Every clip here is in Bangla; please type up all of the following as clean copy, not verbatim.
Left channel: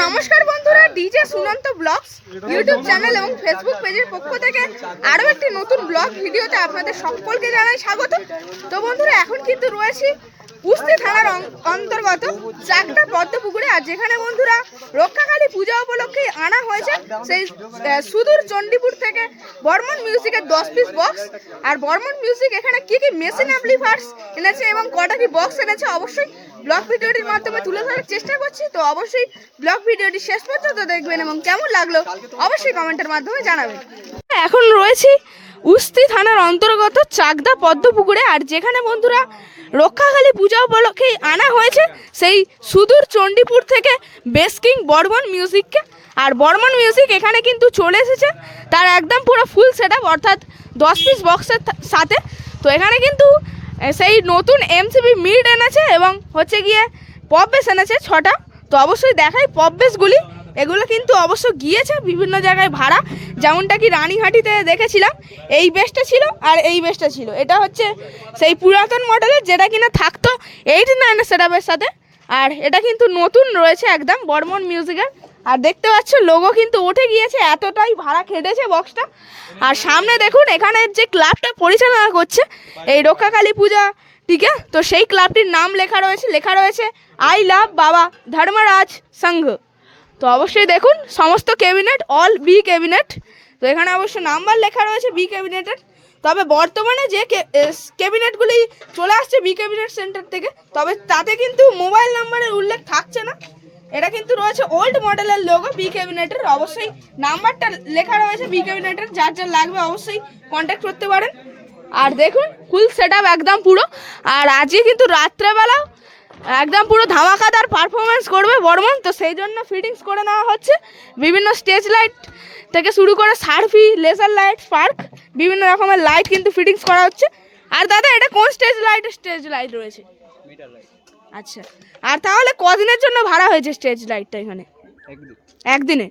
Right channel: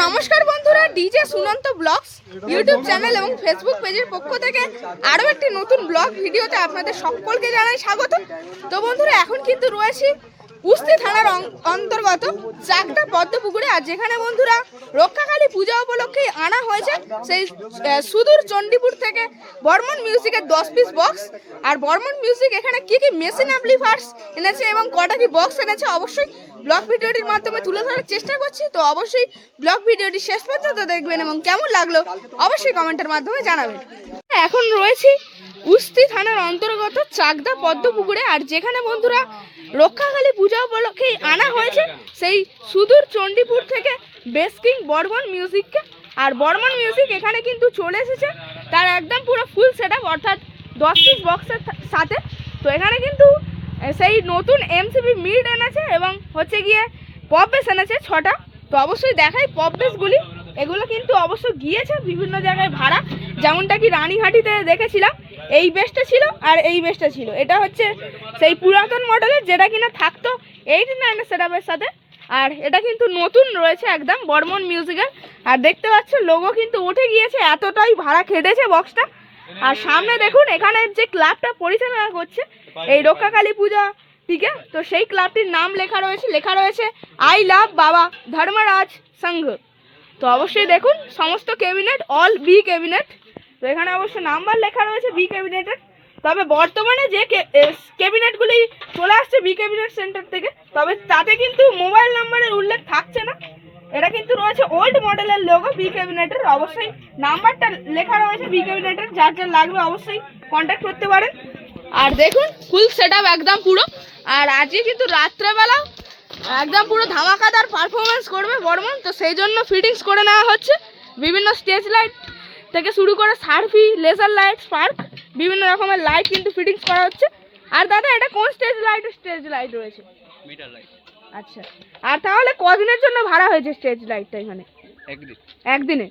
নমস্কার বন্ধুরা, DJ Sunanta blogs YouTube channel এবং ফেসবুক পেজের পক্ষ থেকে আরও একটি নতুন ব্লগ ভিডিওতে আপনাদের সকলকে জানাই স্বাগত। তো বন্ধুরা, এখন কিন্তু রয়েছি উস্তি থানার অন্তর্গত চাকদা পদ্মপুকুরে, আর যেখানে বন্ধুরা রক্ষাকালী পূজা উপলক্ষে আনা হয়েছে সেই সুদূর চণ্ডীপুর থেকে বর্মন মিউজিকের 10 পিস বক্স। আর বর্মন মিউজিক এখানে কি কি মেশিন অ্যাম্পলিফায়ার্স এনেছে এবং কটা কি বক্স এনেছে অবশ্যই ব্লগ ভিডিওটির মাধ্যমে তুলে ধরার চেষ্টা করছি। তো অবশ্যই ব্লগ ভিডিওটি শেষ পর্যন্ত দেখবেন এবং কেমন লাগলো অবশ্যই কমেন্টের মাধ্যমে জানাবেন। এখন রয়েছি উস্তি থানার অন্তর্গত চাকদা পদ্মপুকুরে, আর যেখানে বন্ধুরা রক্ষাকালী পূজা উপলক্ষে আনা হয়েছে সেই সুদূর চণ্ডীপুর থেকে বেসকিং বর্মন মিউজিককে। আর বর্মন মিউজিক এখানে কিন্তু চলে এসেছে তার একদম পুরো ফুল সেট আপ, অর্থাৎ 10 পিস বক্সের সাথে। তো এখানে কিন্তু সেই নতুন এমসিবি মিড এনেছে এবং হচ্ছে গিয়ে পপ বেস এনেছে 6টা। তো অবশ্যই দেখাই পপ বেসগুলি, এগুলো কিন্তু অবশ্য গিয়েছে বিভিন্ন জায়গায় ভাড়া, যেমনটা কি রানীহাটিতে দেখেছিলাম এই বেসটা ছিল আর এই বেসটা ছিল। এটা হচ্ছে সেই পুরাতন মডেলের যেটা কিনা থাকতো 89 সেটআপের সাথে, আর এটা কিন্তু নতুন রয়েছে একদম বর্মন মিউজিকের। আর দেখতে পাচ্ছ লোগো কিন্তু উঠে গিয়েছে, এতটাই ভাড়া খেটেছে বক্সটা। আর সামনে দেখুন এখানে যে ক্লাবটা পরিচালনা করছে এই রক্ষাকালী পূজাটিকে, তো সেই ক্লাবটির নাম লেখা রয়েছে আই লাভ বাবা ধর্মরাজ সংঘ। তো অবশ্যই দেখুন সমস্ত ক্যাবিনেট অল বি ক্যাবিনেট, তো এখানে অবশ্য নাম্বার লেখা রয়েছে বি ক্যাবিনেটের। তবে বর্তমানে যে ক্যাবিনেটগুলি চলে আসছে বি ক্যাবিনেট সেন্টার থেকে, তবে তাতে কিন্তু মোবাইল নাম্বারের উল্লেখ থাকছে না। এটা কিন্তু রয়েছে ওল্ড মডেলের লোগো বি ক্যাবিনেটের, অবশ্যই নাম্বারটা লেখা রয়েছে বি ক্যাবিনেটের, যার যার লাগবে অবশ্যই কন্ট্যাক্ট করতে পারেন। আর দেখুন ফুল সেট আপ একদম পুরো। আর আজকে কিন্তু রাত্রেবেলা একদম পুরো ধামাকাদার পারফরমেন্স করবে বর্মন, তো সেই জন্য ফিটিংস করে নেওয়া হচ্ছে বিভিন্ন স্টেজ লাইট থেকে শুরু করে সার্ফি লেজার লাইট স্পার্ক বিভিন্ন রকমের লাইট কিন্তু ফিটিংস করা হচ্ছে। আর দাদা এটা কোন স্টেজ লাইট রয়েছে? Meter light. আচ্ছা, আর তাহলে কদিনের জন্য ভাড়া হয়েছে স্টেজ লাইটটা এখানে? একদিনে।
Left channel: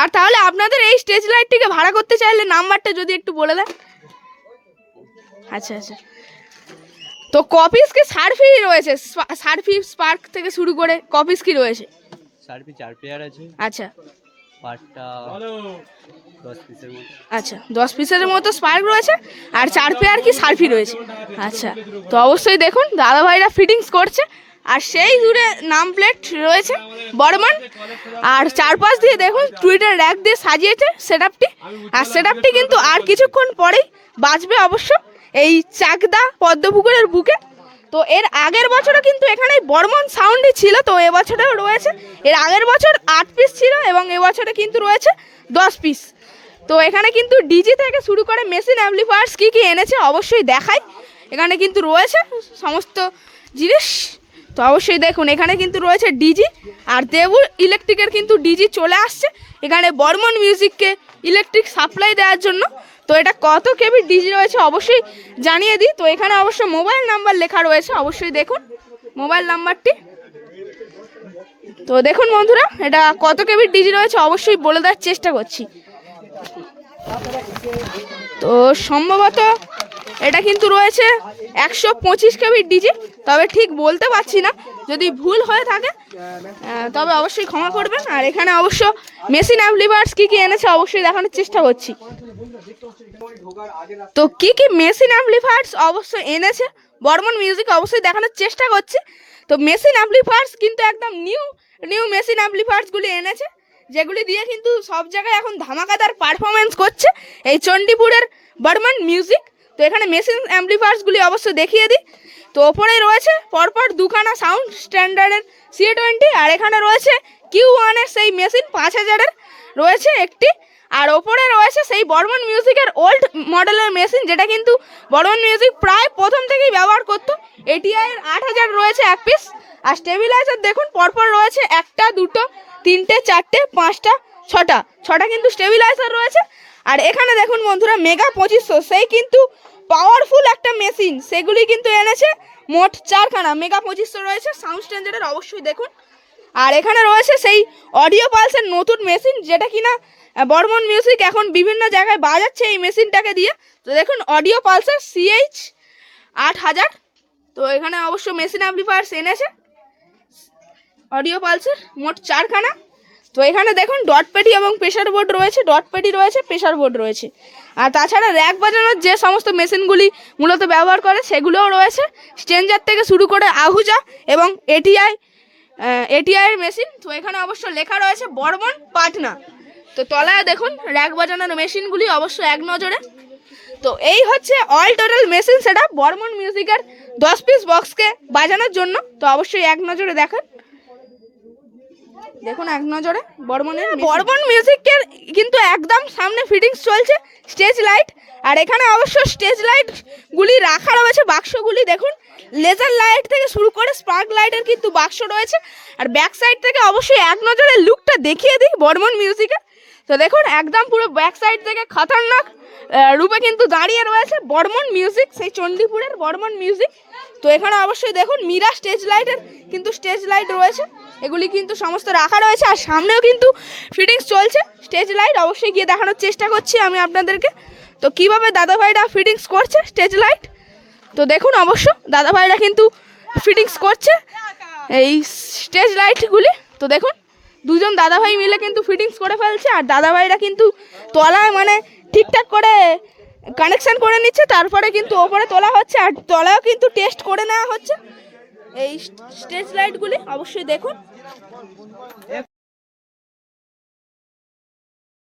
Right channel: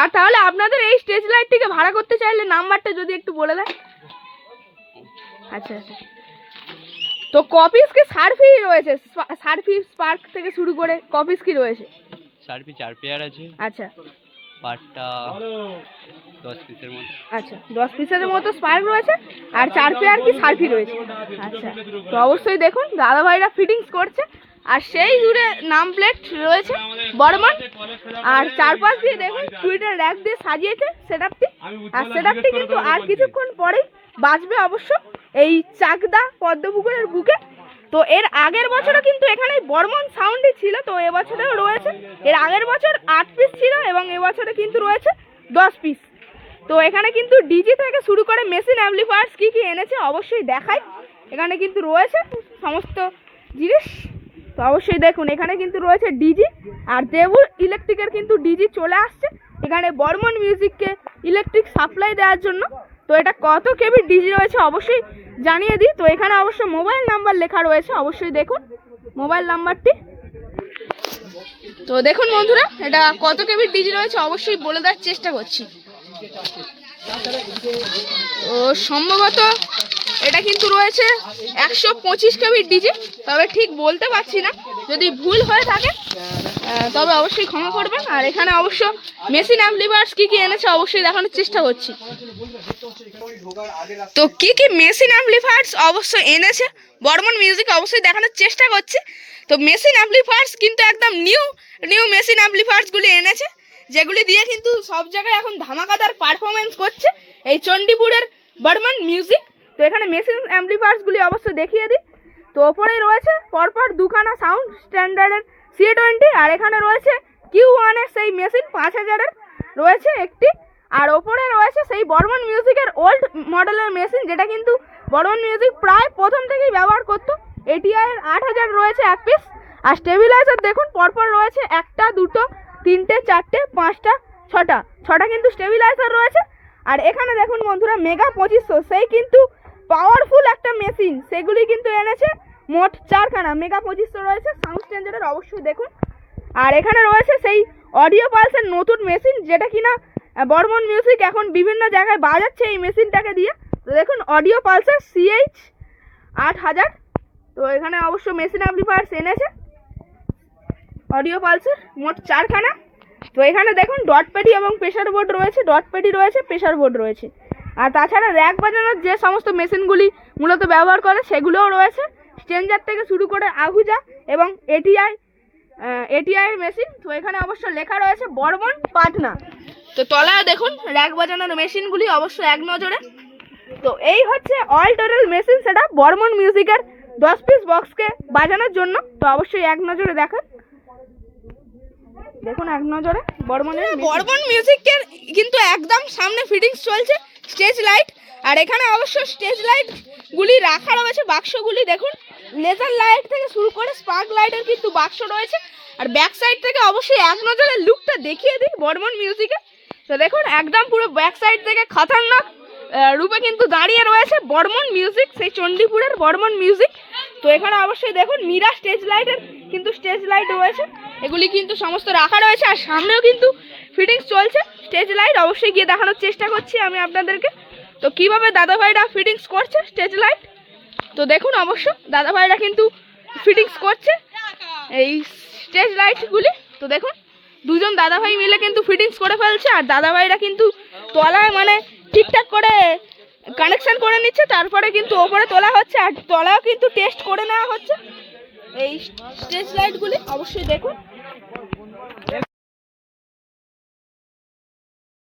আর তাহলে আপনাদের এই স্টেজ লাইটটিকে ভাড়া করতে চাইলে নাম্বারটা যদি একটু বলে দেন। আচ্ছা, তো কপিস কি সার্ফি রয়েছে? সার্ফি স্পার্ক থেকে শুরু করে কপিস কি রয়েছে? সার্ফি 4 পেয়ার আছে। আচ্ছা, পার্টটা 10 পিসের মতো। আচ্ছা 10 পিসের মতো স্পার্ক রয়েছে আর 4 পেয়ার কি সার্ফি রয়েছে। আচ্ছা, তো অবশ্যই দেখুন দাদা ভাইরা ফিটিংস করছে। আর সেই দূরে নাম প্লেট রয়েছে বর্মন, আর চারপাশ দিয়ে দেখুন টুইটার র্যাক দিয়ে সাজিয়েছে সেটআপটি। আর সেটআপটি কিন্তু আর কিছুক্ষণ পরেই বাজবে অবশ্য এই চাকদা পদ্মপুকুরের বুকে। তো এর আগের বছরও কিন্তু এখানে বর্মন সাউন্ডই ছিল, তো এবছরেও রয়েছে। এর আগের বছর 8 পিস ছিল এবং এবছরে কিন্তু রয়েছে 10 পিস। তো এখানে কিন্তু ডিজি থেকে শুরু করে মেশিন অ্যাম্পলিফায়ার্স কী কী এনেছে অবশ্যই দেখাই। এখানে কিন্তু রয়েছে সমস্ত জিনিস, তো অবশ্যই দেখুন এখানে কিন্তু রয়েছে ডিজি। আর দেবুর ইলেকট্রিকের কিন্তু ডিজি চলে আসছে এখানে বর্মন মিউজিককে ইলেকট্রিক সাপ্লাই দেওয়ার জন্য। তো এটা কত কেবি ডিজি রয়েছে অবশ্যই জানিয়ে দিই। তো এখানে অবশ্যই মোবাইল নাম্বার লেখা রয়েছে, অবশ্যই দেখুন মোবাইল নাম্বারটি। তো দেখুন বন্ধুরা এটা কত কেবি ডিজি রয়েছে অবশ্যই বলে দেওয়ার চেষ্টা করছি। তো সম্ভবত এটা কিন্তু রয়েছে 125 কেবি ডিজি, তবে ঠিক বলতে পারছি না, যদি ভুল হয়ে থাকে তবে অবশ্যই ক্ষমা করবেন। আর এখানে অবশ্য মেশিন অ্যাম্পলিফায়ার্স কী কী এনেছে অবশ্যই দেখানোর চেষ্টা করছি। তো কী কী মেশিন অ্যাম্পলিফায়ার্স অবশ্যই এনেছে বর্মন মিউজিক অবশ্যই দেখানোর চেষ্টা করছি। তো মেশিন অ্যাম্পলিফায়ার্স কিন্তু একদম নিউ মেশিন অ্যাম্পলিফায়ার্সগুলি এনেছে, যেগুলি দিয়ে কিন্তু সব জায়গায় এখন ধামাকাদার পারফরমেন্স করছে এই চণ্ডীপুরের বর্মন মিউজিক। তো এখানে মেশিন অ্যাম্পলিফায়ার্সগুলি অবশ্যই দেখিয়ে দিই। তো ওপরে রয়েছে পরপর দুখানা সাউন্ড স্ট্যান্ডার্ডের C20, আর এখানে রয়েছে Q1-এর সেই মেশিন 5000-এর রয়েছে একটি। আর ওপরে রয়েছে সেই বর্মন মিউজিকের ওল্ড মডেলের মেশিন, যেটা কিন্তু বর্মন মিউজিক প্রায় প্রথম থেকেই ব্যবহার করতো। ATI-এর 8000 রয়েছে এক পিস। আর স্টেবিলাইজার দেখুন পরপর রয়েছে 1টা 2টো 3টে 4টে 5টা 6টা কিন্তু স্টেবিলাইজার রয়েছে। আর এখানে দেখুন বন্ধুরা মেগা 2500 সেই কিন্তু পাওয়ারফুল একটা মেশিন, সেগুলি কিন্তু এনেছে মোট 4খানা মেগা 2500 রয়েছে সাউন্ড স্ট্যান্ডার্ডের, অবশ্যই দেখুন। আর এখানে রয়েছে সেই অডিও পালসের নতুন মেশিন, যেটা কিনা বর্মন মিউজিক এখন বিভিন্ন জায়গায় বাজাচ্ছে এই মেশিনটাকে দিয়ে। তো দেখুন অডিও পালসের CH 8000। তো এখানে অবশ্য মেশিন অ্যাম্পলিফায়ার্স এনেছে অডিও পালসের মোট 4খানা। তো এখানে দেখুন ডট পেটি এবং প্রেসার বোর্ড রয়েছে, ডট পেটি রয়েছে, প্রেসার বোর্ড রয়েছে। আর তাছাড়া র্যাক বাজানোর যে সমস্ত মেশিনগুলি মূলত ব্যবহার করে সেগুলোও রয়েছে, স্ট্রেঞ্জার থেকে শুরু করে আহুজা এবং এটিআইয়ের মেশিন। তো এখানে অবশ্য লেখা রয়েছে বর্মন পাটনা। তো তলায় দেখুন র্যাক বাজানোর মেশিনগুলি অবশ্য এক নজরে। তো এই হচ্ছে অল টোটাল মেশিন সেটা বর্মন মিউজিকের 10 পিস বক্সকে বাজানোর জন্য। তো অবশ্যই এক নজরে দেখুন এক নজরে বর্মন মিউজিকের কিন্তু একদম সামনে ফিটিংস চলছে স্টেজ লাইট। আর এখানে অবশ্য স্টেজ লাইটগুলি রাখা রয়েছে, বাক্সগুলি দেখুন লেজার লাইট থেকে শুরু করে স্পার্ক লাইটের কিন্তু বাক্স রয়েছে। আর ব্যাক সাইড থেকে অবশ্যই এক নজরে লুকটা দেখিয়ে দিই বর্মন মিউজিকের। তো দেখুন একদম পুরো ব্যাক সাইড থেকে খতরনাক রূপে কিন্তু দাঁড়িয়ে রয়েছে বর্মন মিউজিক, সেই চণ্ডীপুরের বর্মন মিউজিক। তো এখানে অবশ্যই দেখুন মীরা স্টেজ লাইটের কিন্তু স্টেজ লাইট রয়েছে, এগুলি কিন্তু সমস্ত রাখা রয়েছে। আর সামনেও কিন্তু ফিটিংস চলছে স্টেজ লাইট, অবশ্যই গিয়ে দেখানোর চেষ্টা করছি আমি আপনাদেরকে তো কীভাবে দাদাভাইরা ফিটিংস করছে স্টেজ লাইট। তো দেখুন অবশ্য দাদাভাইরা কিন্তু ফিটিংস করছে এই স্টেজ লাইটগুলি। তো দেখুন দুজন দাদাভাই মিলে কিন্তু ফিটিংস করে ফেলছে, আর দাদাভাইরা কিন্তু তলায় মানে ঠিকঠাক করে কানেকশন করে নিচ্ছে, তারপরে কিন্তু ওপরে তোলা হচ্ছে আর তলায়ও কিন্তু টেস্ট করে নেওয়া হচ্ছে এই স্টেজ লাইটগুলি। অবশ্যই দেখুন